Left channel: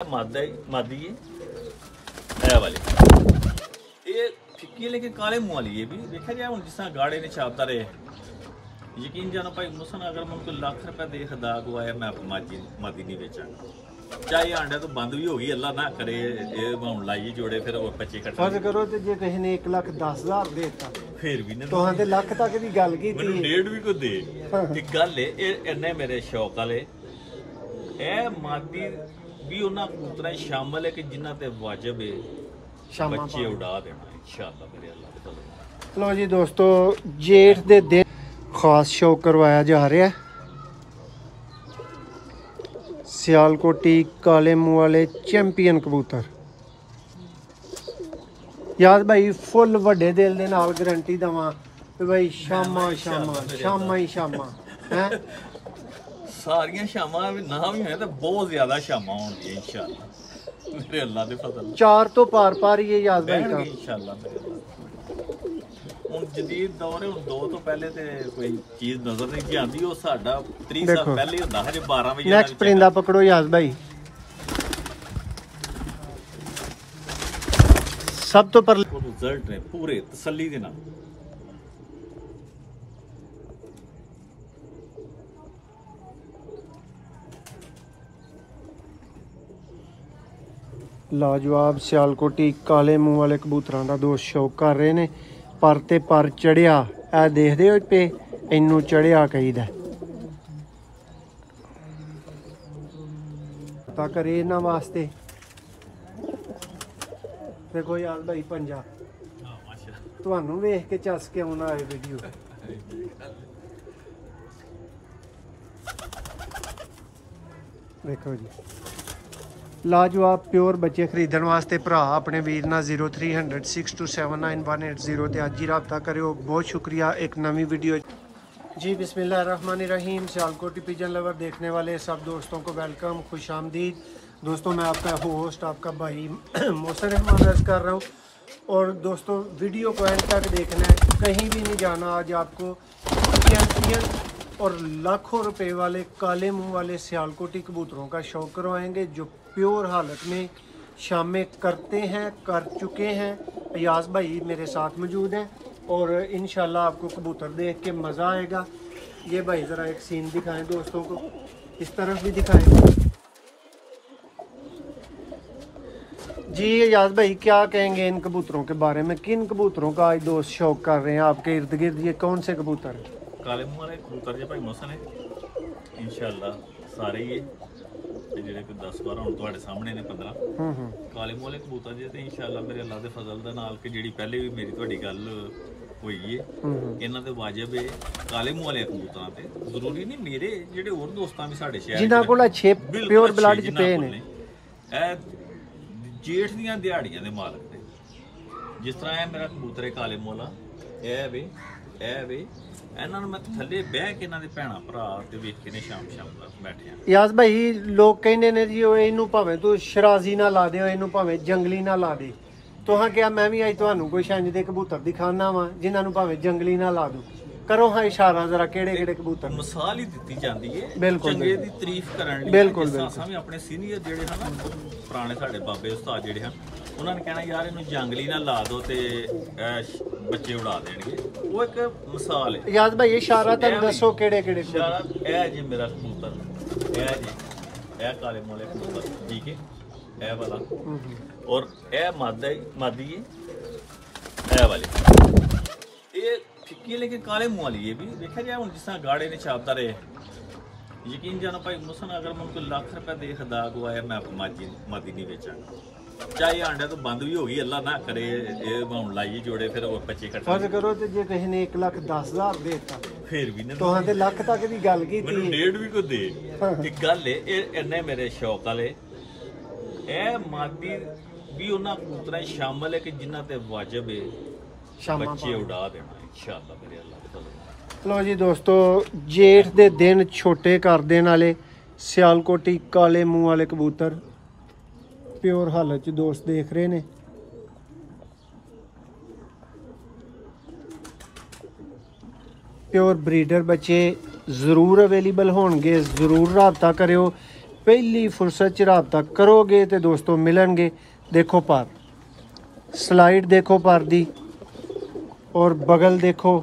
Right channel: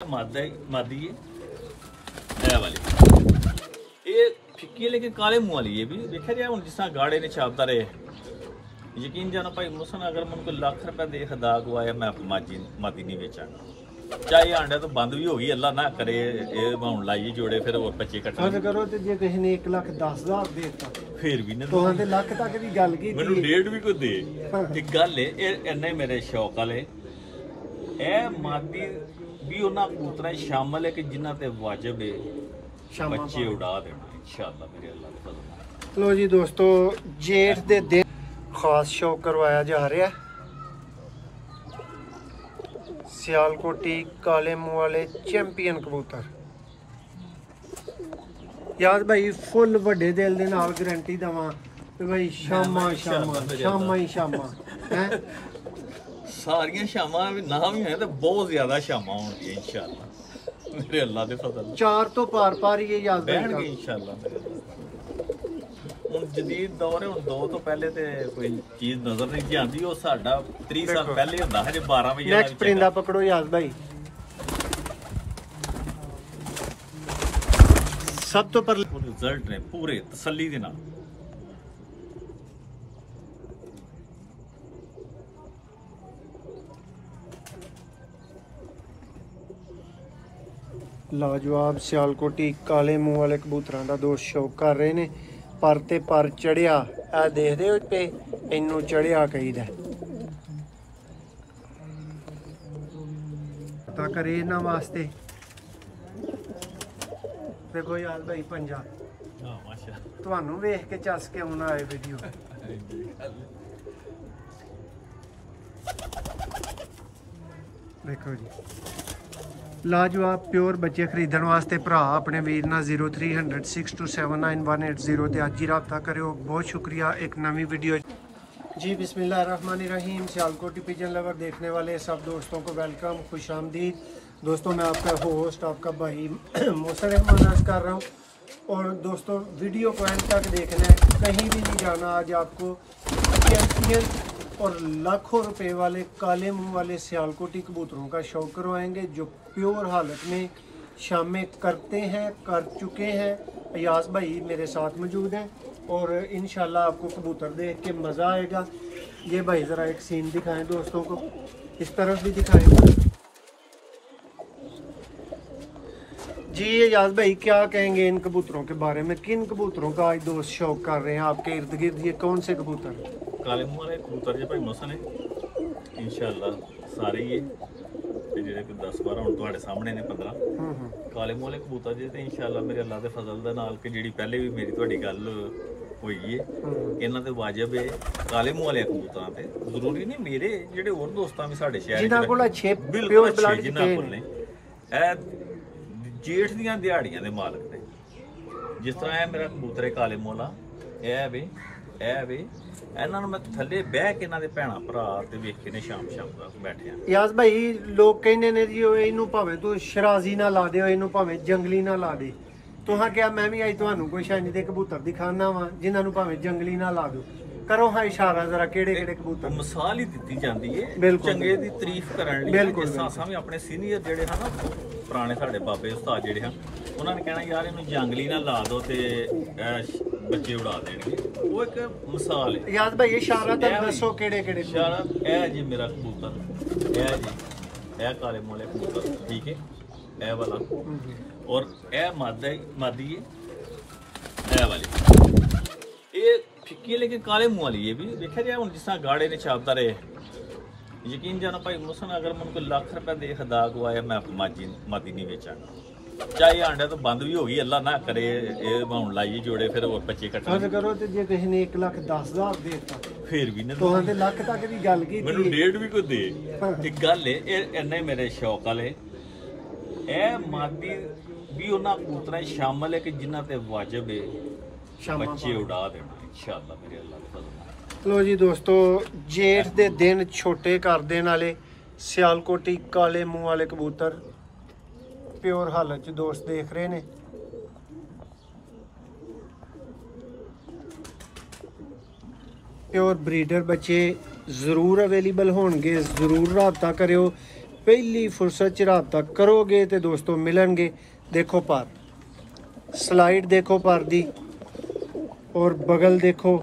मादी है वाली ये फिक्की है लेकिन काले मुंह वाली ये भी देखा जाए हम जिस तरह गाड़े ने छापता रहे यकीन जाना भाई मुसन अगर मैं उनको लाख रुपए दे खदा को आया मैं मादी नहीं बेचांगा चाहे आंडा तो बंद भी होगी अल्लाह ना करे ये हम लाइए जोड़े फिर वो बच्चे इकट्ठे फर्ज करो तो जे किसी ने 1,10,000 देता फिर भी नहीं तो हां ते लाख तक दी गल की मैनू डेढ़ भी को दे एक गल है इन्ने मेरे शौक वाले ए मादी भी उन्हां कबूतरां शामिल है कि जिन्हां ते वाजिब है बच्चे उड़ा देना इंशाअल्लाह मेरे अल्लाह दे फजल नाल। लो जी दोस्तों जेठ दे दिन खास शो करवाया जा रहा है सियालकोटी काले मुंह वाले चैंपियन कबूतर याद भाई फुल वड्डे दिल दे नाल गारंटी दवां कि भाई शामा शामा शामा ही शामा हैं सारियां शामां ना भी है तो बहुत ज्यादा शामां होंदियां इंशाअल्लाह मेरे अल्लाह दे फजल 4 तो पार ही ये याद बैठणगे इंशाअल्लाह मेरे अल्लाह ਹੁਣ ਜਦੀਦ ਦੌਰ ਹੈ ਹੁਣ 2 ਤੋਂ ਪਹਿਲੇ ਤੇ ਕੋਈ ਚੀਜ਼ ਨਜ਼ਰ ਨਹੀਂ ਆਉਂਦੀ ਉਹ ਸਾਡਾ 30 ਸਾਲ ਪਹਿਲੇ ਹੁੰਦਾ ਹਜੇ 12 ਵਜੇ ਨੈਕਸਟ ਪਰਿੰਦਾ ਪਕੜੋ ਯਾਦ ਭਾਈ ਸਭ ਤੋਂ ਪਰ ਰਿਜ਼ਲਟ ਨੇ ਪੂਰੇ ਤਸੱਲੀ ਦੇ ਨਾਲ ਲਾਜਵਾਬ ਸਿਆਲਕੋਟੀ ਕਾਲੇ ਮੂੰਹ ਵਾਲੇ ਕਬੂਤਰਾਂ ਦਾ ਦੋਸਤ ਸ਼ੌਕ ਕਰ ਰਹੇ ਨੇ पर ते पर चढ़िया ए देखदे हो पे इनू चढ़िया कहीदा ता करे इन्हां वास्ते देखो यार भाई पंजा तुहानू वेख के चस के आउणा है वीडियो देखो जी लाजवाब प्योर बच्चे खरीदण वास्ते भरा अपने वीर ना 0300 6279 ते अज ही रब्ता करो। बहुत शुक्रिया। एक नवी वीडियो जी बिस्मिल्लाहिर्रहमानिर्रहीम सियालकोटी पिजन लवर देखने वाले सब दोस्तों को वेलकम खुश आमदीद। दोस्तों मैं आपका होस्ट आपका भाई मोहसिन रहमान अर्ज कर रहा हूँ और दोस्तों वीडियो को एंड तक देखना है, कहीं भी नहीं जाना। आज आपको चैंपियन और लाखों रुपए वाले काले मुंह वाले सियालकोटी कबूतरों का शौक करवाएंगे जो प्योर हालत में शामें करते हैं कर चुके हैं। अयाज भाई मेरे साथ मौजूद हैं और इंशाल्लाह आपको कबूतर देख के मज़ा आएगा। ये भाई ज़रा एक सीन दिखाएं दोस्तों को, इस तरफ भी दिखाएं जी। अयाज भाई क्या कहेंगे इन कबूतरों के बारे में, किन कबूतरों का आज दोस्त शौक कर रहे हैं आपके इर्द गिर्द, ये कौन से कबूतर हैं? काले मुंह वाले कबूतर जो भाई मोहसिन है इंशाअल्लाह सारे ही ਤੇ ਜਿਹੜੇ ਕੋਈ 10 12 ਹੁਣ ਤੁਹਾਡੇ ਸਾਹਮਣੇ ਨੇ 15 ਕਾਲੇ ਮੂੰਹ ਵਾਲੇ ਕਬੂਤਰ ਜੇ ਤੇ ਇੰਸ਼ਾਅੱਲਾ ਮੇਰੇ ਅੱਲਾਹ ਦੇ ਫਜ਼ਲ ਦੇ ਨਾਲ ਕਿ ਜਿਹੜੀ ਪਹਿਲੇ ਵੀ ਮੇਰੀ ਤੁਹਾਡੀ ਗੱਲ ਹੋਈ ਏ ਇਹਨਾਂ ਤੇ ਵਾਜਿਬ ਏ ਕਾਲੇ ਮੂੰਹ ਵਾਲੇ ਕਬੂਤਰਾਂ ਤੇ ਜ਼ਰੂਰੀ ਨਹੀਂ ਮੇਰੇ ਜਿਹੜੇ ਹੋਰ ਦੋਸਤਾਂ ਵੀ ਸਾਡੇ ਸ਼ਹਿਰ ਜਿਨ੍ਹਾਂ ਕੋਲ ਅੱਛੇ ਪਿਓਰ ਬਲੱਡ ਜਿਨ੍ਹਾਂ ਕੋਲ ਨੇ ਇਹ ਜੇਠ ਦੀਆਂ ਦਿਹਾੜੀਆਂ ਦੇ ਮਾਲਕ ਨੇ। ਜਿਸ ਤਰ੍ਹਾਂ ਇਹ ਮੇਰਾ ਕਬੂਤਰ ਹੈ ਕਾਲੇ ਮੂੰਹ ਵਾਲਾ ਇਹ ਵੀ ਇਹਨਾਂ ਨੂੰ ਮੈਂ ਥੱਲੇ ਬਹਿ ਕੇ ਇਹਨਾਂ ਦੇ ਭੈਣਾ ਭਰਾ ਤੇ ਵੇਖ ਕੇ ਨੇ ਸ਼ਾਮ ਦਾ ਬੈਠਿਆ। ਯਾਜ਼ ਭਾਈ ਲੋਕ ਕਹਿੰਦੇ ਨੇ ਜੀ ਇਹਨੂੰ ਭਾਵੇਂ ਤੂੰ ਸ਼ਰਾਜ਼ੀ ਨਾ ਲਾ ਦਿਓ, ਇਹਨੂੰ ਭਾਵੇਂ ਜੰਗਲੀ ਨਾ ਲਾ ਦੇ। ਤੁਹਾਂ ਕਿਹਾ ਮੈਂ ਵੀ ਅੱਜ ਤੁਹਾਨੂੰ ਕੋਈ ਇੰਜ ਦੇ ਕਬੂਤਰ ਦਿਖਾਣਾ ਵਾ ਜਿਨ੍ਹਾਂ ਨੂੰ ਭਾਵੇਂ ਜੰਗਲੀ ਨਾ ਲਾ ਦੋ। ਕਰੋ ਹਾਂ ਇਸ਼ਾਰਾ ਜ਼ਰਾ ਕਿਹੜੇ ਕਿਹੜੇ ਕਬੂਤਰ ਮਿਸਾਲ ਹੀ ਦਿੱਤੀ ਜਾਂਦੀ ਏ ਚੰਗੇ ਦੀ ਤਾਰੀਫ ਕਰਨ ਲਈ। ਜਿਸ ਤਰ੍ਹਾਂ ਅਸਾਂ ਵੀ ਆਪਣੇ ਸੀਨੀਅਰ ਜਿਹੜੇ ਹਨ ਪੁਰਾਣੇ ਸਾਡੇ ਬਾਬੇ ਉਸਤਾਦ ਜਿਹੜੇ ਹਨ ਉਹਨਾਂ ਨੇ ਕਹਿਣਾ ਯਾਰ ਇਹਨੂੰ ਜੰਗਲੀ ਨਾ ਲਾ ਦੋ ਤੇ ਬੱਚੇ ਉਡਾ ਦੇਣਗੇ। ਉਹ ਇੱਕ ਮਿਸਾਲ ਹੈ। ਯਾਦ ਭਾਈ ਇਸ਼ਾਰਾ ਤੇ ਦੱਸੋ ਕਿਹੜੇ ਕਿਹੜੇ ਇਸ਼ਾਰਾ। ਇਹ ਜੀ ਮੇਰਾ ਕਬੂਤਰ ਇਹ ਕਾਲੇ ਮੂੰਹ ਵਾਲੇ ਕਬੂਤਰ ਠੀਕ ਹੈ ਇਹ ਵਾਲਾ ਔਰ ਇਹ ਮਾਦੀ ਹੈ ਇਹ ਵਾਲੀ ਇਹ ਫਿੱਕੀ है लेकिन काले मुंह वाली ये भी देखा जाए हम जिस तरह गाड़े ने छापता रहे यकीन जाना भाई मुसन अगर मैं उनको लाख रुपए दे खदा को आया मैं मादी नहीं बेचांगा चाहे आंडा तो बंद भी होगी अल्लाह ना करे ये हम लाइए जोड़े फिर वो बच्चे इकट्ठे फर्ज करो तो जे किसी ने 1,10,000 देता फिर भी नहीं तो हां ते लाख तक दी गल की मैनू डेढ़ भी को दे एक गल है इन्ने मेरे शौक वाले ए मादी भी उन्हां कबूतरां शामिल है कि जिन्हां ते वाजिब है बच्चे उड़ा देना इंशाअल्लाह मेरे अल्लाह दे फजल नाल। लो जी दोस्तों जेठ दे दिन छोटे कर देने वाले सियालकोटी काले मुंह वाले कबूतर प्योर हालत च दोस्त देख रहे ने। प्योर ब्रीडर बच्चे जरूर अवेलेबल होंगे, जरूर रब्ता करो। ਪਹਿਲੀ ਫੁਰਸਤ 'ਚ ਰਾਬਤਾ ਕਰੋਗੇ ਤੇ ਦੋਸਤੋ ਮਿਲਣਗੇ। ਦੇਖੋ ਪਰ ਸਲਾਈਡ ਦੇਖੋ ਪਰ ਦੀ, ਔਰ ਬਗਲ ਦੇਖੋ।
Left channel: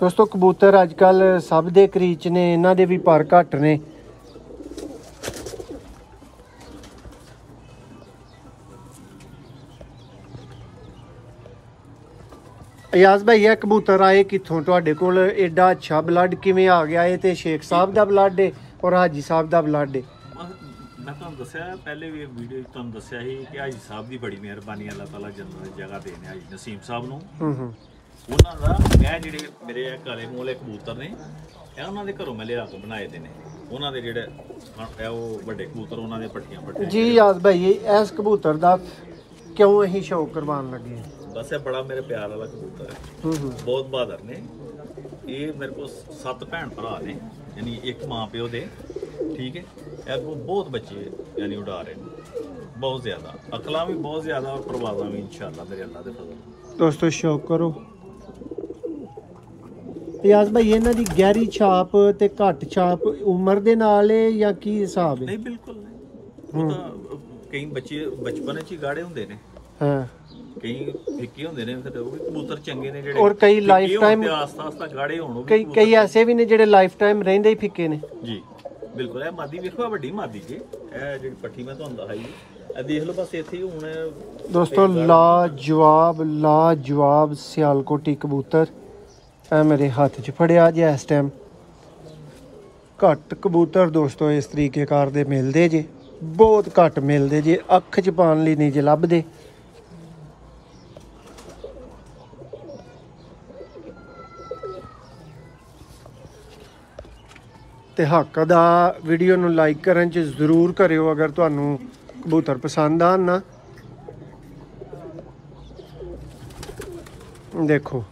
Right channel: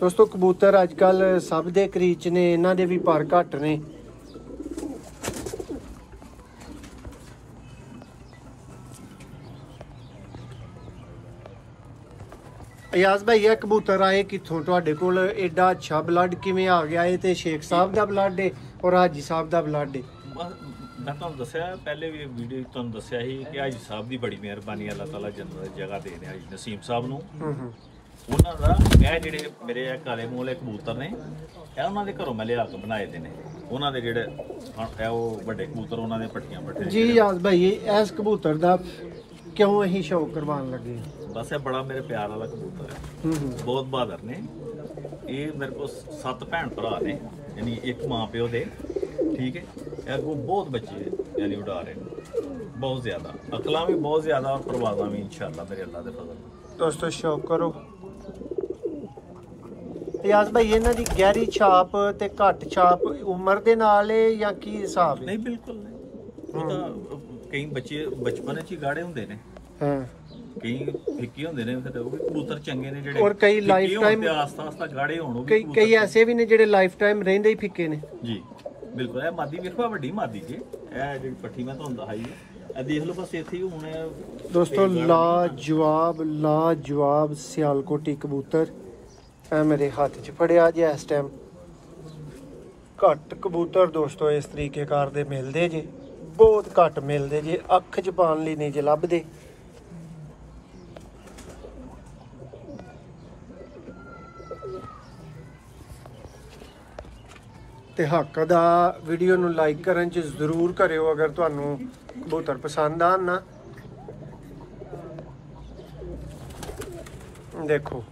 ਦੋਸਤੋ ਕਬੂਤਰ ਅੱਜ ਕੱਲ ਸਭ ਦੇ ਕਰੀਚ ਨੇ, ਇਹਨਾਂ ਦੇ ਵੀ ਪਰ ਘੱਟ ਨੇ। ਅਯਾਜ਼ ਭਾਈ ਇਹ ਕਬੂਤਰ ਆਏ ਕਿੱਥੋਂ ਤੁਹਾਡੇ ਕੋਲ? ਐਡਾ ਅੱਛਾ ਬਲੱਡ ਕਿਵੇਂ ਆ ਗਿਆ? ਇਹ ਤੇ ਸ਼ੇਖ ਸਾਹਿਬ ਦਾ ਬਲੱਡ ਹੈ ਔਰ ਹਾਜੀ ਸਾਹਿਬ ਦਾ ਬਲੱਡ ਹੈ। ਮੈਂ ਤੁਹਾਨੂੰ ਦੱਸਿਆ ਪਹਿਲੇ ਵੀ ਵੀਡੀਓ ਤੁਹਾਨੂੰ ਦੱਸਿਆ ਸੀ ਕਿ ਹਾਜੀ ਸਾਹਿਬ ਦੀ ਬੜੀ ਮਿਹਰਬਾਨੀ, ਅੱਲਾਹ ਤਾਲਾ ਜੰਨਤ ਦੀ ਜਗ੍ਹਾ ਦੇਣ ਹਾਜੀ ਨਸੀਮ ਸਾਹਿਬ ਨੂੰ। ਉਹਨਾਂ ਦਾ ਇਹ ਜਿਹੜੇ ਮੇਰੇ ਕਾਲੇ ਮੂੰਹ ਵਾਲੇ ਕਬੂਤਰ ਨੇ, ਇਹ ਉਹਨਾਂ ਦੇ ਘਰੋਂ ਮੈਂ ਲਿਆ ਕੇ ਬਣਾਏ ਦੇ ਨੇ। ਉਹਨਾਂ ਦੇ ਜਿਹੜੇ ਉਹ ਵੱਡੇ ਕਬੂਤਰ, ਉਹਨਾਂ ਦੇ ਪੱਠੀਆਂ ਪੱਠੇ ਜੀ। ਯਾਦ ਭਾਈ ਇਸ ਕਬੂਤਰ ਦਾ ਕਿਉਂ ਅਸੀਂ ਸ਼ੌਕ ਕਰਵਾਉਣ ਲੱਗੇ? ਬਸ ਇਹ ਬੜਾ ਮੇਰੇ ਪਿਆਰ ਵਾਲਾ ਕਬੂਤਰ ਹੈ, ਬਹੁਤ ਬਹਾਦਰ ਨੇ। ਇਹ ਮੇਰੇ ਕੋਲ 7 ਭੈਣ ਭਰਾ ਨੇ, ਯਾਨੀ ਇੱਕ ਮਾਂ ਪਿਓ ਦੇ, ਠੀਕ ਹੈ। ਇਹ ਅੱਗੋਂ ਬਹੁਤ ਬੱਚੇ ਯਾਨੀ ਉਡਾ ਰਹੇ ਨੇ, ਬਹੁਤ ਜ਼ਿਆਦਾ ਅਕਲਾਂ ਵੀ ਬਹੁਤ ਜ਼ਿਆਦਾ, ਔਰ ਪਰਵਾਜ਼ਾਂ ਵੀ ਇਨਸ਼ਾਅੱਲਾ ਮੇਰੇ ਅੱਲਾ ਦੇ ਫਜ਼ਲ ਨਾਲ। ਦੋਸਤੋ ਸ਼ੌਕ ਕਰੋ। ਯਾਜ਼ ਭਾਈ ਇਹਨਾਂ ਦੀ ਗਹਿਰੀ ਛਾਪ ਤੇ ਘੱਟ ਛਾਪ ਉਮਰ ਦੇ ਨਾਲ ਹੈ ਜਾਂ ਕੀ ਹਿਸਾਬ ਹੈ? ਨਹੀਂ ਬਿਲਕੁਲ ਨਹੀਂ, ਉਹ ਤਾਂ ਕਈ ਬੱਚੇ ਬਚਪਨ 'ਚ ਹੀ ਗਾੜੇ ਹੁੰਦੇ ਨੇ, ਹਾਂ ਕਈ ਫਿੱਕੇ ਹੁੰਦੇ ਨੇ, ਫਿਰ ਉਹ ਵੀ ਕਬੂਤਰ ਚੰਗੇ ਨੇ ਜਿਹੜੇ, ਔਰ ਕਈ ਲਾਈਫ ਟਾਈਮ ਆਸਤਾ ਆਸਤਾ ਗਾੜੇ ਹੋਣ। ਉਹ ਵੀ ਕਈ ਐਸੇ ਵੀ ਨੇ ਜਿਹੜੇ ਲਾਈਫ ਟਾਈਮ ਰਹਿੰਦੇ ਹੀ ਫਿੱਕੇ ਨੇ। ਜੀ ਬਿਲਕੁਲ। ਇਹ ਮਾਦੀ ਵੇਖੋ, ਵੱਡੀ ਮਾਦੀ ਜੀ, ਇਹ ਜਿਹੜੀ ਪੱਠੀ ਮੈਂ ਤੁਹਾਨੂੰ ਦਿਖਾਈ ਇਹ ਦੇਖ ਲਓ, ਬਸ ਇੱਥੇ ਹੀ ਹੁਣ ਦੋਸਤੋ ਲਾਜਵਾਬ ਸਿਆਲਕੋਟੀ ਕਬੂਤਰ ਇਹ ਮੇਰੇ ਹੱਥ 'ਚ ਫੜਿਆ ਜੇ ਇਸ ਟਾਈਮ। ਘੱਟ ਕਬੂਤਰ ਦੋਸਤੋ ਇਸ ਤਰੀਕੇਕਾਰ ਦੇ ਮਿਲਦੇ ਜੇ, ਬਹੁਤ ਘੱਟ ਮਿਲਦੇ ਜੇ, ਅੱਖ 'ਚ ਪਾਉਣ ਲਈ ਨਹੀਂ ਜੇ ਲੱਭਦੇ। ਤੇ ਹੱਕ ਦਾ ਵੀਡੀਓ ਨੂੰ ਲਾਈਕ ਕਰਨ 'ਚ ਜ਼ਰੂਰ ਕਰਿਓ ਅਗਰ ਤੁਹਾਨੂੰ ਕਬੂਤਰ ਪਸੰਦ ਆਣ ਨਾ। ਦੇਖੋ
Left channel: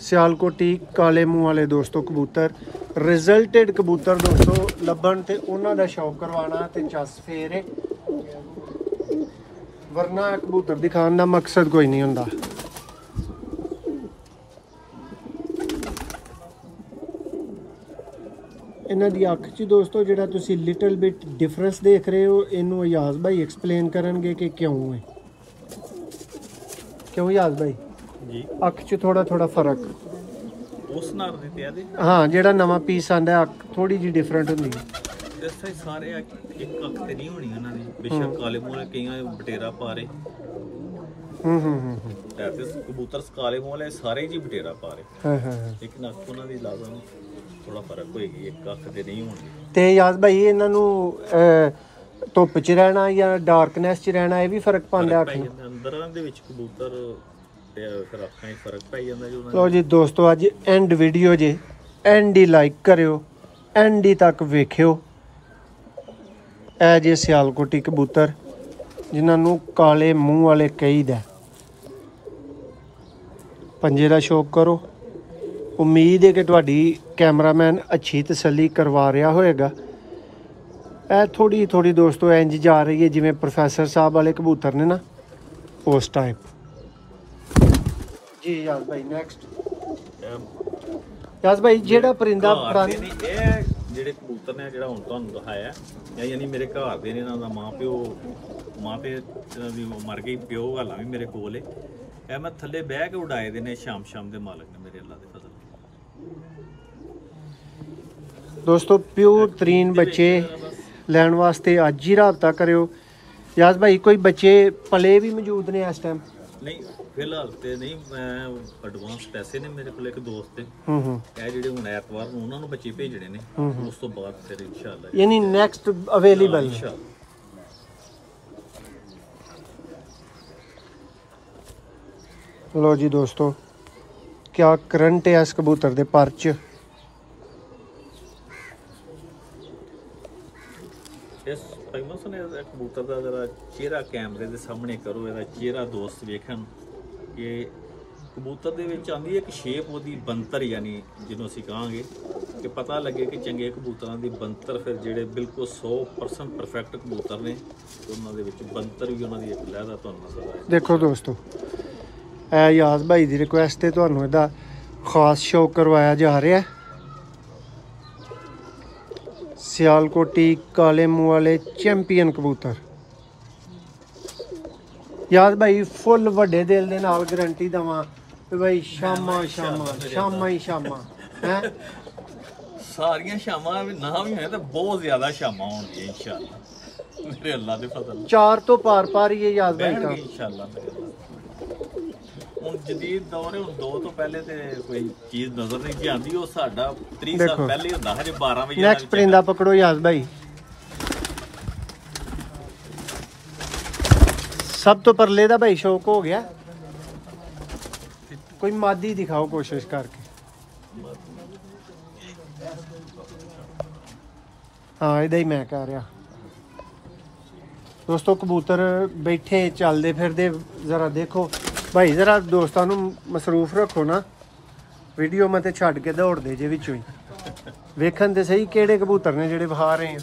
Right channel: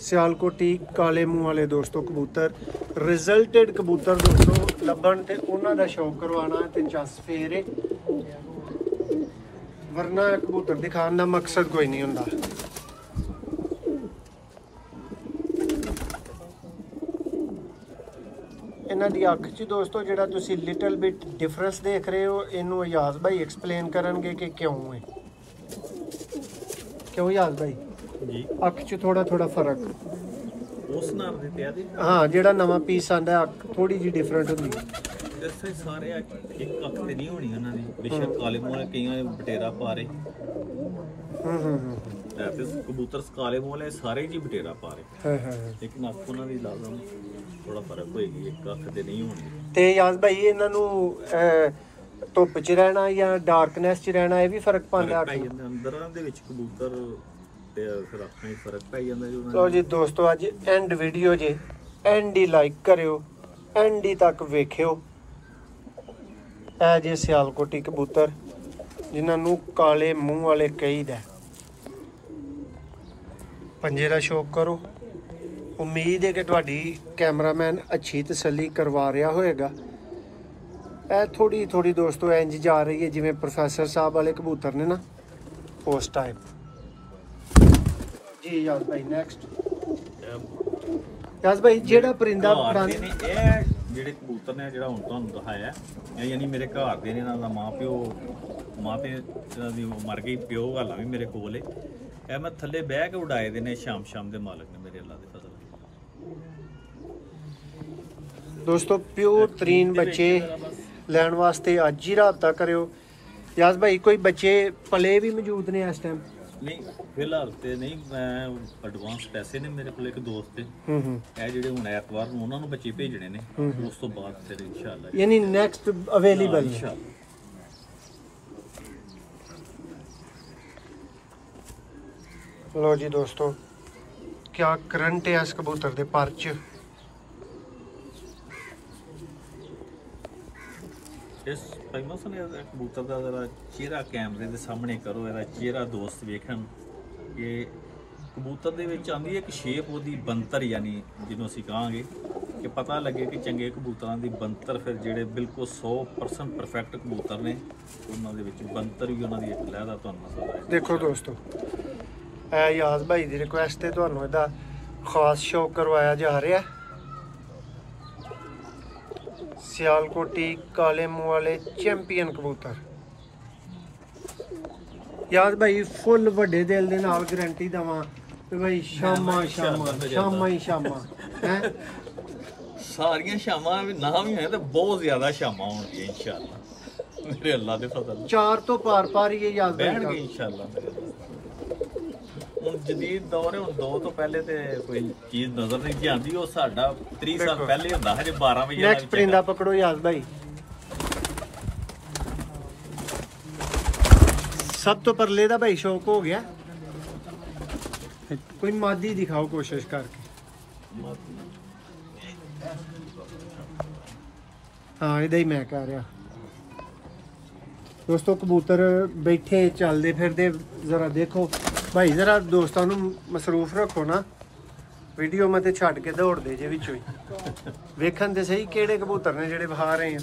ਸਿਆਲਕੋਟੀ ਕਾਲੇ ਮੂੰਹ ਵਾਲੇ ਦੋਸਤੋ ਕਬੂਤਰ, ਰਿਜ਼ਲਟਡ ਕਬੂਤਰ ਦੋਸਤੋ ਲੱਭਣ ਤੇ ਉਹਨਾਂ ਦਾ ਸ਼ੌਕ ਕਰਵਾਉਣਾ ਤੇ ਚਸ ਫੇਰ ਹੈ, ਵਰਨਾ ਕਬੂਤਰ ਦਿਖਾਉਣ ਦਾ ਮਕਸਦ ਕੋਈ ਨਹੀਂ ਹੁੰਦਾ। ਇਹਨਾਂ ਦੀ ਅੱਖ 'ਚ ਦੋਸਤੋ ਜਿਹੜਾ ਤੁਸੀਂ ਲਿਟਲ ਬਿਟ ਡਿਫਰੈਂਸ ਦੇਖ ਰਹੇ ਹੋ, ਇਹਨੂੰ ਅਯਾਜ਼ ਭਾਈ ਐਕਸਪਲੇਨ ਕਰਨਗੇ ਕਿ ਕਿਉਂ ਹੈ। ਕਿਉਂ ਅਯਾਜ਼ ਭਾਈ ਜੀ ਅੱਖ 'ਚ ਥੋੜਾ ਫਰਕ ਉਸ ਨਾਲ ਦੇ ਪਿਆ ਦੇ? ਹਾਂ, ਜਿਹੜਾ ਨਵਾਂ ਪੀਸ ਆਂਦਾ ਅੱਖ ਥੋੜੀ ਜਿਹੀ ਡਿਫਰੈਂਟ ਹੁੰਦੀ ਹੈ। ਦੱਸੇ ਸਾਰੇ ਇੱਕ ਅੱਖ ਤੇ ਨਹੀਂ ਹੋਣੀ ਉਹਨਾਂ ਦੀ, ਬੇਸ਼ੱਕ ਕਾਲੇ ਮੂੰਹ ਵਾਲੇ ਕਈਆਂ ਬਟੇਰਾ ਪਾ ਰਹੇ। ਤੇ ਕਬੂਤਰ ਕਾਲੇ ਮੂੰਹ ਵਾਲੇ ਸਾਰੇ ਜੀ ਬਟੇਰਾ ਪਾ ਰਹੇ, ਲੇਕਿਨ ਅੱਖ ਉਹਨਾਂ ਦੀ ਲਾਜ਼ਮ ਥੋੜਾ ਫਰਕ ਹੋਏਗੀ, ਇੱਕ ਅੱਖ ਤੇ ਨਹੀਂ ਹੋਣੀ। ਤੇ ਯਾਦ ਭਾਈ ਇਹਨਾਂ ਨੂੰ ਧੁੱਪ 'ਚ ਰਹਿਣਾ ਜਾਂ ਡਾਰਕਨੈਸ 'ਚ ਰਹਿਣਾ ਇਹ ਵੀ ਫਰਕ ਪਾਉਂਦਾ ਅੱਖ ਨੂੰ? ਅੰਦਰਾਂ ਦੇ ਵਿੱਚ ਕਬੂਤਰ ਤੇ ਫਿਰ ਅੱਖਾਂ 'ਚ ਫਰਕ ਪੈ ਜਾਂਦਾ ਜੀ ਉਹਨਾਂ ਲਓ ਜੀ ਦੋਸਤੋ, ਅੱਜ ਐਂਡ ਵੀਡੀਓ ਜੇ, ਐਂਡ ਹੀ ਲਾਈਕ ਕਰਿਓ, ਐਂਡ ਹੀ ਤੱਕ ਵੇਖਿਓ। ਇਹ ਜੇ ਸਿਆਲਕੋਟੀ ਕਬੂਤਰ ਜਿਨ੍ਹਾਂ ਨੂੰ ਕਾਲੇ ਮੂੰਹ ਵਾਲੇ ਕਹੀਦਾ। ਪੰਜੇ ਦਾ ਸ਼ੌਕ ਕਰੋ। ਉਮੀਦ ਹੈ ਕਿ ਤੁਹਾਡੀ ਕੈਮਰਾਮੈਨ ਅੱਛੀ ਤਸੱਲੀ ਕਰਵਾ ਰਿਹਾ ਹੋਏਗਾ। ਇਹ ਥੋੜੀ ਦੋਸਤੋ ਇੰਜ ਜਾ ਰਹੀ ਹੈ ਜਿਵੇਂ ਪ੍ਰੋਫੈਸਰ ਸਾਹਿਬ ਵਾਲੇ ਕਬੂਤਰ ਨੇ ਨਾ, ਉਸ ਟਾਈਪ। ਜੀ ਯਾਦ ਭਾਈ ਨੈਕਸਟ। ਯਾਦ ਭਾਈ ਜਿਹੜਾ ਪਰਿੰਦਾ ਪੁਰਾਣੇ ਨੇ, ਇਹ ਜਿਹੜੇ ਕਬੂਤਰ ਨੇ ਜਿਹੜਾ ਹੁਣ ਤੁਹਾਨੂੰ ਦਿਖਾਇਆ, ਯਾਨੀ ਮੇਰੇ ਘਰ ਦੇ ਨੇ, ਇਹਨਾਂ ਦਾ ਮਾਂ ਤੇ ਇਹਨਾਂ ਦੀ ਮਰ ਗਈ, ਪਿਓ ਹਾਲਾਂ ਵੀ ਮੇਰੇ ਕੋਲ ਏ। ਇਹ ਮੈਂ ਥੱਲੇ ਬਹਿ ਕੇ ਉਡਾਏ ਦੇ ਨੇ, ਸ਼ਾਮ ਦੇ ਮਾਲਕ ਨੇ ਮੇਰੇ ਅੱਲਾ ਦੇ ਫਜ਼ਲ। ਦੋਸਤੋ ਪਿਓਰ ਤਰੀਨ ਬੱਚੇ ਲੈਣ ਵਾਸਤੇ ਅੱਜ ਹੀ ਰਾਬਤਾ ਕਰਿਓ। ਯਾਦ ਭਾਈ ਕੋਈ ਬੱਚੇ ਪਲੇ ਵੀ ਮੌਜੂਦ ਨੇ ਇਸ ਟਾਈਮ? ਨਹੀਂ ਫਿਲਹਾਲ ਤੇ ਨਹੀਂ, ਮੈਂ ਐਡਵਾਂਸ ਪੈਸੇ ਨੇ ਮੇਰੇ ਕੋਲ ਇੱਕ ਦੋਸਤ ਤੇ, ਇਹ ਜਿਹੜੇ ਹੁਣ ਐਤਵਾਰ ਨੂੰ ਉਹਨਾਂ ਨੂੰ ਬੱਚੇ ਭੇਜਣੇ ਨੇ, ਉਸ ਤੋਂ ਬਾਅਦ ਫਿਰ ਇਨਸ਼ਾਅੱਲਾ ਯਾਨੀ ਨੈਕਸਟ ਅਵੇਲੇਬਲ ਇਨਸ਼ਾਅੱਲਾ। लो जी दोस्तों, क्या करंट है इस कबूतर दे पर च। इस फेमस ने कबूतर का जरा चेहरा कैमरे के सामने करो, ਇਹਦਾ ਚਿਹਰਾ ਦੋਸਤ ਵੇਖਣ ਕਿ ਕਬੂਤਰ ਦੇ ਵਿੱਚ ਆਂਦੀ ਇੱਕ ਸ਼ੇਪ ਉਹਦੀ ਬੰਤਰ, ਯਾਨੀ ਜਿਹਨੂੰ ਅਸੀਂ ਕਹਾਂਗੇ ਕਿ ਪਤਾ ਲੱਗੇ ਕਿ ਚੰਗੇ ਕਬੂਤਰਾਂ ਦੀ ਬੰਤਰ, ਫਿਰ ਜਿਹੜੇ ਬਿਲਕੁਲ 100% ਪਰਫੈਕਟ ਕਬੂਤਰ ਨੇ ਉਹਨਾਂ ਦੇ ਵਿੱਚ ਬੰਤਰ ਵੀ ਉਹਨਾਂ ਦੀ ਇੱਕ ਲਹਿਦਾ ਤੁਹਾਨੂੰ ਨਜ਼ਰ ਆਏ। ਦੇਖੋ ਦੋਸਤੋ, ਇਹ ਯਾਜ਼ ਭਾਈ ਦੀ ਰਿਕੁਐਸਟ ਹੈ, ਤੁਹਾਨੂੰ ਇਹਦਾ ਖਾਸ ਸ਼ੌਕ ਕਰਵਾਇਆ ਜਾ ਰਿਹਾ ਹੈ। ਸਿਆਲਕੋਟੀ ਕਾਲੇ ਮੂੰਹ ਵਾਲੇ ਚੈਂਪੀਅਨ ਕਬੂਤਰ। ਯਾਦ ਭਾਈ ਫੁੱਲ ਵੱਡੇ ਦਿਲ ਦੇ ਨਾਲ ਗਰੰਟੀ ਦਵਾਂ ਕਿ ਭਾਈ ਸ਼ਾਮਾਂ ਹੈ ਸਾਰੀਆਂ ਸ਼ਾਮਾਂ ਨਾ ਵੀ ਹੋਏ ਤਾਂ ਬਹੁਤ ਜ਼ਿਆਦਾ ਸ਼ਾਮਾਂ ਹੋਣਗੀਆਂ ਇਨਸ਼ਾਅੱਲਾ ਮੇਰੇ ਅੱਲਾ ਦੇ ਫਜ਼ਲ 4 ਤੋਂ ਪਾਰ ਹੀ ਇਹ ਯਾਦ ਬਹਿਣਗੇ ਇਨਸ਼ਾਅੱਲਾ ਮੇਰੇ ਅੱਲਾ। ਹੁਣ ਜਦੀਦ ਦੌਰ ਹੈ, ਹੁਣ 2 ਤੋਂ ਪਹਿਲੇ ਤੇ ਕੋਈ ਚੀਜ਼ ਨਜ਼ਰ ਨਹੀਂ ਜਾਂਦੀ। ਉਹ ਸਾਡਾ 30 ਸਾਲ ਪਹਿਲੇ ਹੁੰਦਾ ਹਜੇ 12 ਵਜੇ ਨੈਕਸਟ ਪਰਿੰਦਾ ਪਕੜੋ ਯਾਦ ਭਾਈ। ਸਭ ਤੋਂ ਪਰਲੇ ਦਾ ਭਾਈ ਸ਼ੌਕ ਹੋ ਗਿਆ। ਕੋਈ ਮਾਦੀ ਦਿਖਾਓ ਕੋਸ਼ਿਸ਼ ਕਰਕੇ। ਹਾਂ ਇਹਦਾ ਹੀ ਮੈਂ ਕਹਿ ਰਿਹਾ ਦੋਸਤੋ। ਕਬੂਤਰ ਬੈਠੇ ਚੱਲਦੇ ਫਿਰਦੇ ਜ਼ਰਾ ਦੇਖੋ ਭਾਈ, ਜ਼ਰਾ ਦੋਸਤਾਂ ਨੂੰ ਮਸਰੂਫ ਰੱਖੋ ਨਾ। ਵੀਡੀਓ ਮੈਂ ਤੇ ਛੱਡ ਕੇ ਦੌੜਦੇ ਜੇ ਵਿੱਚ ਵੀ ਵੇਖਣ ਤੇ ਸਹੀ ਕਿਹੜੇ ਕਬੂਤਰ ਨੇ ਜਿਹੜੇ ਵਹਾ ਰਹੇ ਆ।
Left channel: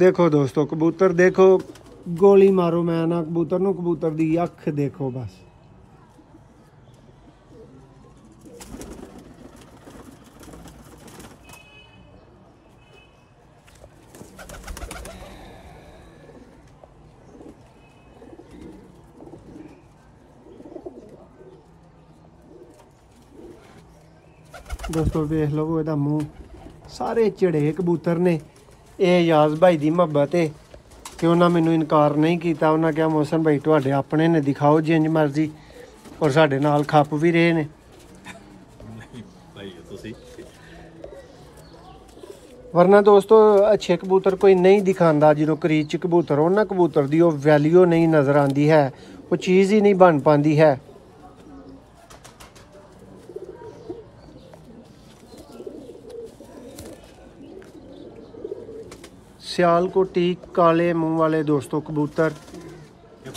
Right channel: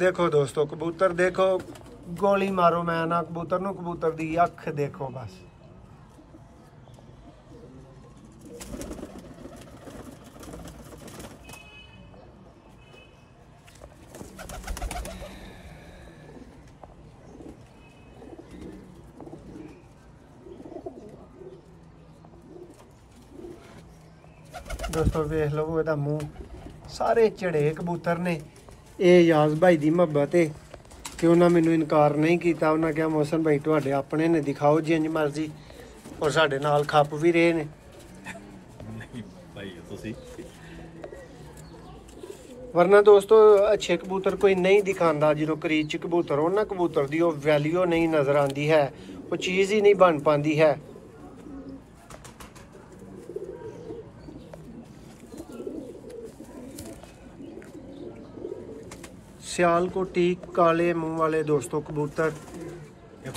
देखो दोस्तों कबूतर देखो, गोली मारो मैं ना कबूतर नूं, कबूतर दी अख देखो बस। दोस्तों वेख लो ਇਹਦਾ ਮੂੰਹ, ਸਾਰੇ ਝੜੇ ਕਬੂਤਰ ਨੇ। ਇਹ ਯਾਜ਼ ਭਾਈ ਦੀ ਮੁਹੱਬਤ ਹੈ ਕਿ ਉਹਨਾਂ ਮੈਨੂੰ ਇਨਕਾਰ ਨਹੀਂ ਕੀਤਾ। ਉਹਨਾਂ ਕਿਹਾ ਮੋਹਸਨ ਭਾਈ ਤੁਹਾਡੇ ਆਪਣੇ ਨੇ, ਦਿਖਾਓ ਜਿੰਜ ਮਰਜ਼ੀ। ਔਰ ਸਾਡੇ ਨਾਲ ਖੱਪ ਵੀ ਰਹੇ ਨੇ। ਨਹੀਂ ਭਾਈ ਤੁਸੀਂ ਵਰਨਾ ਦੋਸਤੋ ਅੱਛੇ ਕਬੂਤਰ ਕੋਈ ਨਹੀਂ ਦਿਖਾਉਂਦਾ। ਜਦੋਂ ਕਰੀਜ਼ 'ਚ ਕਬੂਤਰ ਉਹਨਾਂ ਕਬੂਤਰ ਦੀ ਉਹ ਵੈਲਿਊ ਨਹੀਂ ਨਜ਼ਰ ਆਉਂਦੀ ਹੈ, ਉਹ ਚੀਜ਼ ਹੀ ਨਹੀਂ ਬਣ ਪਾਉਂਦੀ ਹੈ। सियालकोटी काले मुंह वाले दोस्तों कबूतर,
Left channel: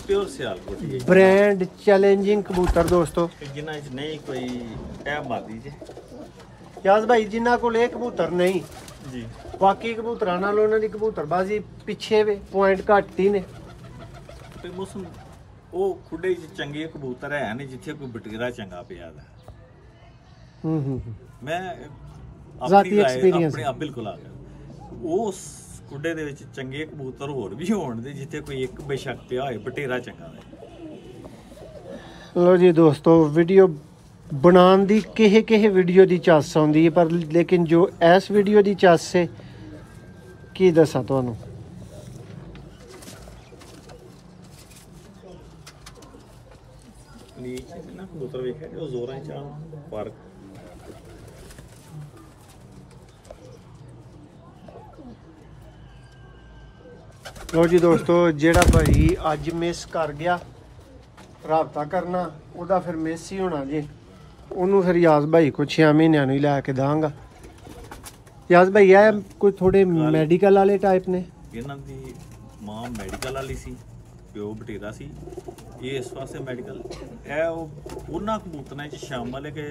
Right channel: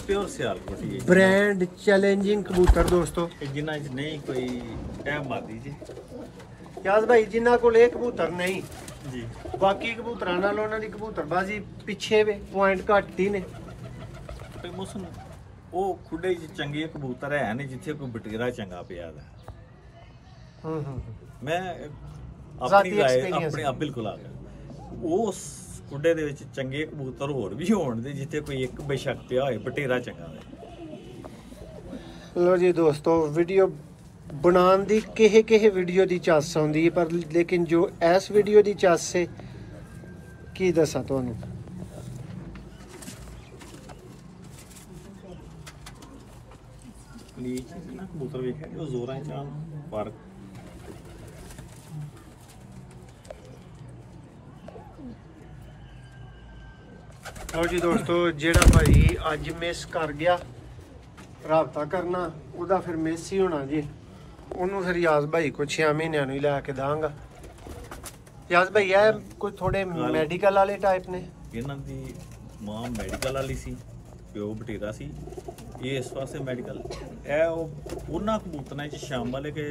प्योर सियालकोटी ब्रांड चैलेंजिंग कबूतर दोस्तों। जिन्ना नहीं कोई क्या मादी जी याज भाई जिन्ना को ले कबूतर नहीं जी, बाकी कबूतरां नाल उन्हां दी कबूतरबाजी पिछे वे पॉइंट घट ही ने। ते मौसम ਉਹ ਖੁੱਡੇ 'ਚ ਚੰਗੇ ਕਬੂਤਰ ਹੈ ਨਹੀਂ ਜਿੱਥੇ ਕੋਈ ਬਟੀਰਾ ਚੰਗਾ ਪਿਆ ਦਾ। ਮੈਂ ਆਪਣੀ ਰਾਏ ਆਪਣੇ ਆਪ ਬਿਲਕੁਲ ਆ ਗਿਆ। ਉਸ ਖੁੱਡੇ ਦੇ ਵਿੱਚ ਚੰਗੇ ਕਬੂਤਰ ਹੋਰ ਵੀ ਹੋਣ ਦੇ ਜਿੱਥੇ ਕੋਈ ਇੱਕ ਬੇਸ਼ੱਕ ਪਿਆ ਹੋਏ ਬਟੀਰਾ ਚੰਗਾ ਹੋਵੇ। ਲੋ ਜੀ ਦੋਸਤੋ ਵੀਡੀਓ ਬਣਾਉਣ ਦੀ ਕਿਹੇ ਵੀਡੀਓ ਦੀ ਚੱਸ ਆਉਂਦੀ ਹੈ, ਪਰ ਲੇਕਿਨ ਜੋ ਇਸ ਵੀਡੀਓ ਦੀ ਚੱਸ ਹੈ ਕੀ ਦੱਸਾਂ ਤੁਹਾਨੂੰ। ਨੀਚ ਨਾ ਕਬੂਤਰ ਵੇਖਿਆ ਉਹ ਜ਼ੋਰਾਂ 'ਚ ਆਉਣ ਪਰ ਲੋ ਜੀ ਦੋਸਤੋ ਜਿਹੜਾ ਭਾਈ ਅੱਜ ਮਿਸ ਕਰ ਗਿਆ ਰਾਬਤਾ ਕਰਨਾ ਉਹਦਾ ਫਿਰ ਮਿਸ ਹੀ ਹੋਣਾ ਜੀ। ਉਹਨੂੰ ਫਿਰ ਯਾਜ਼ ਭਾਈ ਕੋ 6 ਮਹੀਨਿਆਂ ਨੂੰ ਹੀ ਲੈ ਕੇ ਦਾਂਗਾ। ਯਾਜ਼ ਭਾਈ ਇਹ ਕੋਈ ਥੋੜੇ ਮੈਡੀਕਲ ਵਾਲੇ ਟਾਈਪ ਨੇ। ਇਹਨਾਂ ਦੀ ਮਾਂ ਮੈਡੀਕਲ ਵਾਲੀ ਸੀ, ਪਿਓ ਬਟੀਰਾ ਸੀ। ਇਹ ਇਸ ਪਾਸੇ ਮੈਡੀਕਲ ਇਹ ਉਹਨਾਂ ਕਬੂਤਰਾਂ 'ਚ ਸ਼ਾਮਲ ਹੈ ਕਿ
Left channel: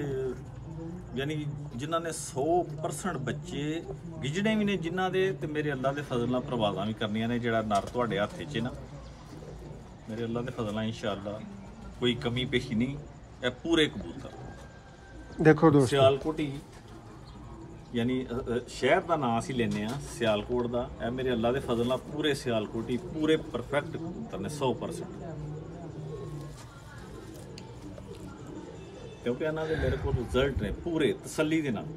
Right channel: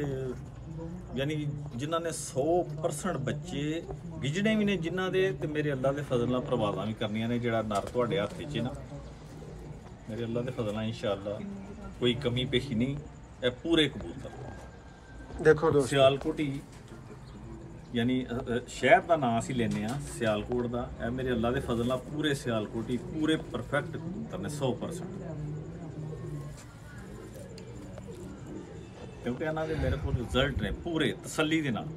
ਯਾਨੀ ਜਿਨ੍ਹਾਂ ਨੇ 100% ਬੱਚੇ ਗਿਜੜੇ ਵੀ ਨੇ ਜਿਨ੍ਹਾਂ ਦੇ, ਤੇ ਮੇਰੇ ਅੱਲਾ ਦੇ ਫਜ਼ਲ ਨਾਲ ਪ੍ਰਵਾਜ਼ਾਂ ਵੀ ਕਰਨੀਆਂ ਨੇ। ਜਿਹੜਾ ਨਰ ਤੁਹਾਡੇ ਹੱਥ 'ਚ ਨਾ ਮੇਰੇ ਅੱਲਾ ਦੇ ਫਜ਼ਲ ਨਾਲ ਇਨਸ਼ਾਅੱਲਾ ਕੋਈ ਕਮੀ ਪੇਸ਼ੀ ਨਹੀਂ। ਇਹ ਪੂਰੇ ਕਬੂਤਰ ਦੇਖੋ ਦੋਸਤੋ ਸਿਆਲਕੋਟੀ ਯਾਨੀ ਸ਼ਹਿਰ ਦਾ ਨਾਂ ਅਸੀਂ ਲੈਂਦੇ ਆ ਸਿਆਲਕੋਟ ਦਾ। ਇਹ ਮੇਰੇ ਅੱਲਾ ਦੇ ਫਜ਼ਲ ਨਾਲ ਪੂਰੇ ਸਿਆਲਕੋਟੀ ਪੂਰੇ ਪਰਫੈਕਟ ਕਬੂਤਰ ਨੇ 100%। ਕਿਉਂਕਿ ਇਹਨਾਂ ਦੇ ਮੇਰੇ ਕੋਲ ਰਿਜ਼ਲਟ ਨੇ ਪੂਰੇ ਤਸੱਲੀ ਦੇ ਨਾਲ।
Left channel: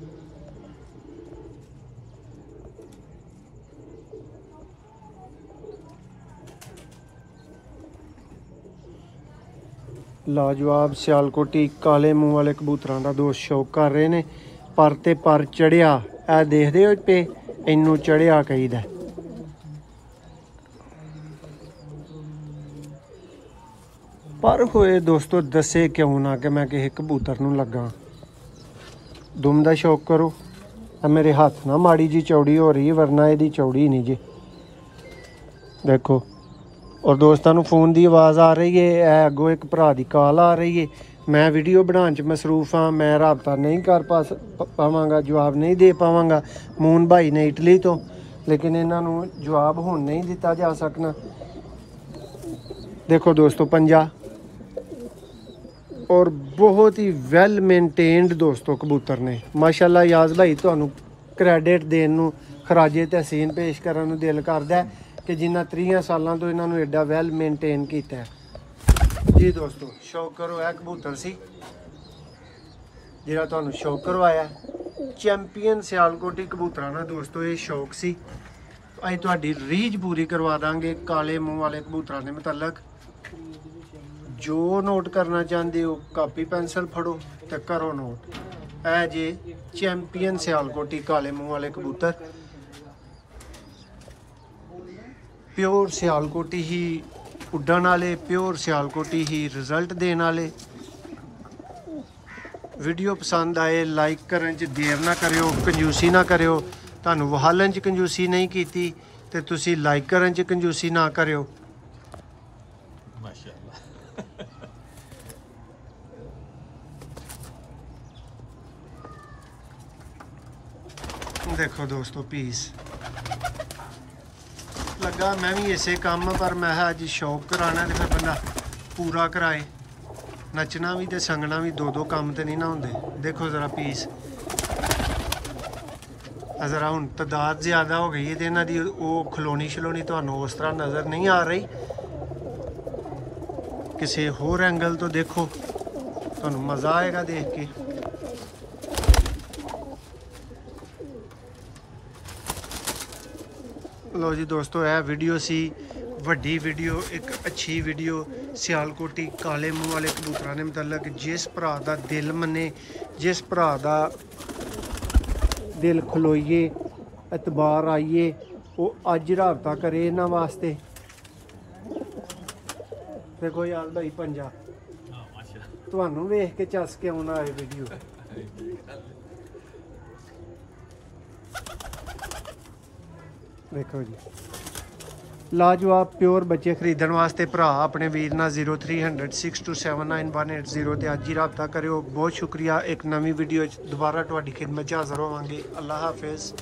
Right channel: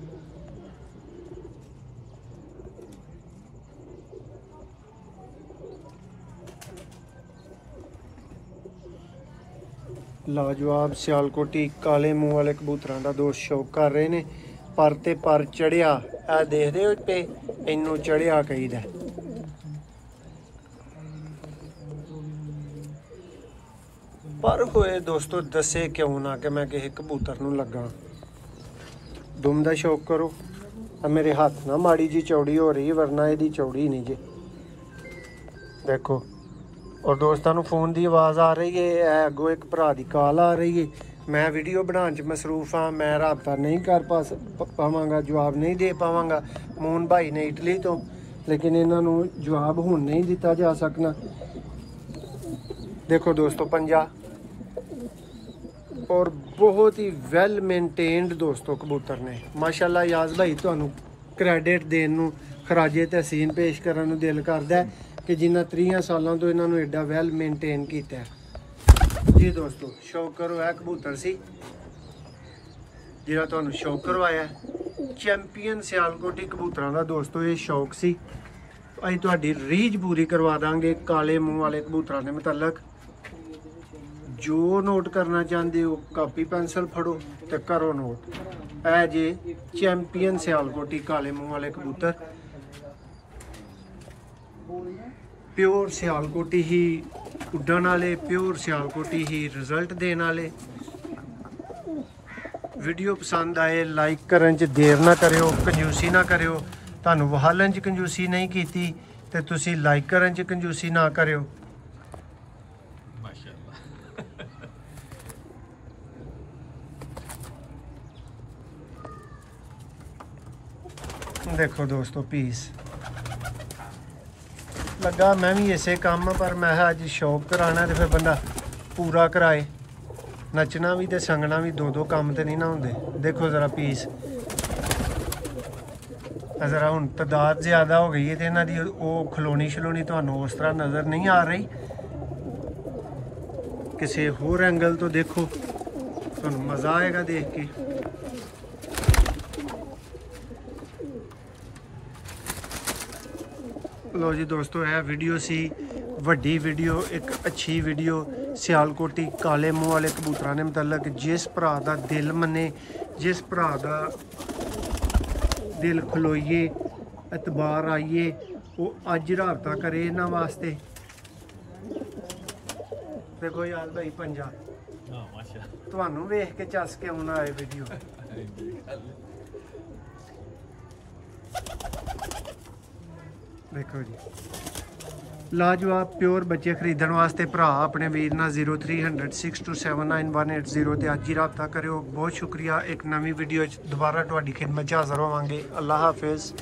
ਲਾਜਵਾਬ ਸਿਆਲਕੋਟੀ ਕਾਲੇ ਮੂੰਹ ਵਾਲੇ ਕਬੂਤਰਾਂ ਦਾ ਦੋਸਤ ਸ਼ੌਕ ਕਰ ਰਹੇ ਨੇ। ਪਰ ਤੇ ਪਰ ਚੜਿਆ ਇਹ ਦੇਖਦੇ ਹੋ ਪੇ ਇਹਨੂੰ ਚੜਿਆ ਕਹੀਦਾ। ਪਰ ਹੋਏ ਦੋਸਤੋ ਦੱਸੇ ਕਿਉਂ ਨਾ ਕਿ ਮੈਂ ਕਿਸੇ ਕਬੂਤਰ ਨੂੰ ਲੱਗਾ। ਦੁਮ ਦਾ ਸ਼ੌਕ ਕਰੋ। ਮੇਰੇ ਹੱਥ ਨਾ ਮਾੜੀ ਜੀ ਚੌੜੀ ਹੋ ਰਹੀ ਵਰਨਾ ਇਹਦੀ ਚੌੜੀ ਨਹੀਂ ਜੇ ਦੇਖੋ। ਔਰ ਦੋਸਤਾਂ ਨੂੰ ਫੋਨ ਦੀ ਆਵਾਜ਼ ਆ ਰਹੀ ਹੈ। ਇਹ ਅੱਗੋਂ ਇੱਕ ਭਰਾ ਦੀ ਕਾਲ ਆ ਰਹੀ ਹੈ। ਮੈਂ ਵੀਡੀਓ ਬਣਾਉਣ 'ਚ ਮਸਰੂਫ ਹਾਂ, ਮੈਂ ਰਾਬਤਾ ਨਹੀਂ ਕਰ ਪਾਵਾਂਗਾ, ਜਵਾਬ ਨਹੀਂ ਦੇ ਪਾਵਾਂਗਾ। ਮੂਨ ਭਾਈ ਨੇ ਇਟਲੀ ਤੋਂ ਲੇਕਿਨ ਇਹਨਾਂ ਨੂੰ ਜਵਾਬ ਹੁਣ ਨਹੀਂ ਦਿੱਤਾ ਜਾ ਸਕਣਾ। ਦੇਖੋ ਦੋਸਤੋ ਪੰਜਾ ਔਰ ਬਹੁਤ ਹੀ ਵੈਲ ਮੇਨਟੇਨਡ ਦੋਸਤੋ ਕਬੂਤਰ ਨੇ ਮਾਸ਼ਾਅੱਲਾ। ਯਾਜ਼ ਭਾਈ ਤੁਹਾਨੂੰ ਕ੍ਰੈਡਿਟ ਦੇਣ ਨੂੰ, ਖਰਾਜੇ ਤਹਿਸੀਨ ਪੇਸ਼ ਕਰਨ ਨੂੰ ਦਿਲ ਕਰਦਾ ਕਿ ਜਿਨ੍ਹਾਂ 30 ਸਾਲਾਂ ਤੋਂ ਇਹਨਾਂ ਨੂੰ ਐਡਾ ਵੈਲ ਮੇਨਟੇਨ ਕੀਤਾ ਜੀ। ਦੋਸਤੋ ਸ਼ੌਕ ਕਰੋ, ਇਹ ਕਬੂਤਰ ਸੀ ਜਿਹੜਾ ਤੁਹਾਨੂੰ ਸ਼ੌਕ ਕਰਵਾਇਆ। ਚੈਂਪੀਅਨ ਸਿਆਲਕੋਟੀ ਕਬੂਤਰਾਂ ਦਾ ਦੋਸਤੋ ਇਹ ਸ਼ੌਕ ਸੀ। ਅਸੀਂ ਤੁਹਾਡੀ ਰੀਝ ਪੂਰੀ ਕਰਵਾ ਦਾਂਗੇ ਕਾਲੇ ਮੂੰਹ ਵਾਲੇ ਕਬੂਤਰਾਂ ਦੇ ਮੁਤਲਕ। ਜੋ ਨੋਟ ਕਰਨਾ ਚਾਹੁੰਦੇ ਹੋ ਕਾਪੀ ਪੈਨਸਲ ਫੜੋ ਤੇ ਕਰੋ ਨੋਟ। ਇਹ ਜੇ ਚੈਂਪੀਅਨ ਸਿਆਲਕੋਟੀ ਕਾਲੇ ਮੂੰਹ ਵਾਲੇ ਕਬੂਤਰ, ਪਿਓਰ ਸਿਆਲਕੋਟੀ ਹੀ ਉੱਡਣ ਵਾਲੇ, ਪਿਓਰ ਸਿਆਲਕੋਟੀ ਹੀ ਰਿਜ਼ਲਟ ਦੇਣ ਵਾਲੇ। ਵੀਡੀਓ ਪਸੰਦ ਆਏ ਲਾਈਕ ਕਰਨ 'ਚ ਦੇਰ ਨਾ ਕਰਿਓ, ਕੰਜੂਸੀ ਨਾ ਕਰਿਓ। ਤੁਹਾਨੂੰ ਵਹਾਲਣ 'ਚ ਕੰਜੂਸੀ ਨਹੀਂ ਕੀਤੀ ਤੇ ਤੁਸੀਂ ਲਾਈਕ ਕਰਨ 'ਚ ਕੰਜੂਸੀ ਨਾ ਕਰਿਓ। ਦੇਖੋ ਦੋਸਤੋ ਪੀਸ ਲੱਗਾ। ਮੈਂ ਵੀ ਇਸੇ ਕੰਮ ਪਰ ਮੈਂ ਅੱਜ ਸ਼ੌਕ ਕਰਾਣਾ ਤੇ ਫਿਰ ਬੰਦਾ ਪੂਰਾ ਕਰਾਏ। ਨੱਚਣਾ ਵੀ ਤੇ ਸੰਗਣਾ ਵੀ ਦੋ ਕੰਮ ਤੇ ਨਹੀਂ ਨਾ ਹੁੰਦੇ। ਦੇਖੋ ਜ਼ਰਾ ਪੀਸ ਜ਼ਰਾ ਹੁਣ ਤਾਦਾਦ ਜ਼ਿਆਦਾ ਹੋ ਗਈ ਹੈ ਤੇ ਇਹਨਾਂ ਦੀ ਉਹ ਖਲੋਣੀ ਸ਼ਲੋਣੀ ਤੁਹਾਨੂੰ ਉਸ ਤਰ੍ਹਾਂ ਨਜ਼ਰ ਨਹੀਂ ਆ ਰਹੀ। ਕਿਸੇ ਹੋਰ ਐਂਗਲ ਤੋਂ ਦੇਖੋ, ਤੁਹਾਨੂੰ ਮਜ਼ਾ ਆਏਗਾ ਦੇਖ ਕੇ। ਲੋ ਜੀ ਦੋਸਤੋ ਇਹ ਵੀਡੀਓ ਸੀ ਵੱਡੀ ਵੀਡੀਓ, ਇੱਕ ਅੱਛੀ ਵੀਡੀਓ ਸਿਆਲਕੋਟੀ ਕਾਲੇ ਮੂੰਹ ਵਾਲੇ ਕਬੂਤਰਾਂ ਦੇ ਮੁਤਲਕ। ਜਿਸ ਭਰਾ ਦਾ ਦਿਲ ਮੰਨੇ, ਜਿਸ ਭਰਾ ਦਾ ਦਿਲ ਖਲੋਈਏ, ਇਤਬਾਰ ਆਈਏ, ਉਹ ਅੱਜ ਰਾਬਤਾ ਕਰੇ ਇਹਨਾਂ ਵਾਸਤੇ। ਦੇਖੋ ਯਾਰ ਭਾਈ ਪੰਜਾ ਤੁਹਾਨੂੰ ਵੇਖ ਕੇ ਚੱਸ ਕੇ ਆਉਣਾ ਹੈ ਵੀਡੀਓ। ਦੇਖੋ ਜੀ ਲਾਜਵਾਬ ਪਿਓਰ ਬੱਚੇ ਖਰੀਦਣ ਵਾਸਤੇ ਭਰਾ ਆਪਣੇ ਵੀਰ ਨਾਲ 0300 6279 ਤੇ ਅੱਜ ਹੀ ਰਾਬਤਾ ਕਰਿਓ। ਬਹੁਤ ਸ਼ੁਕਰੀਆ। ਇੱਕ ਨਵੀਂ ਵੀਡੀਓ 'ਚ ਦੁਬਾਰਾ ਤੁਹਾਡੀ ਖਿਦਮਤ 'ਚ ਹਾਜ਼ਰ ਹੋਵਾਂਗੇ। ਅੱਲਾ ਹਾਫਿਜ਼।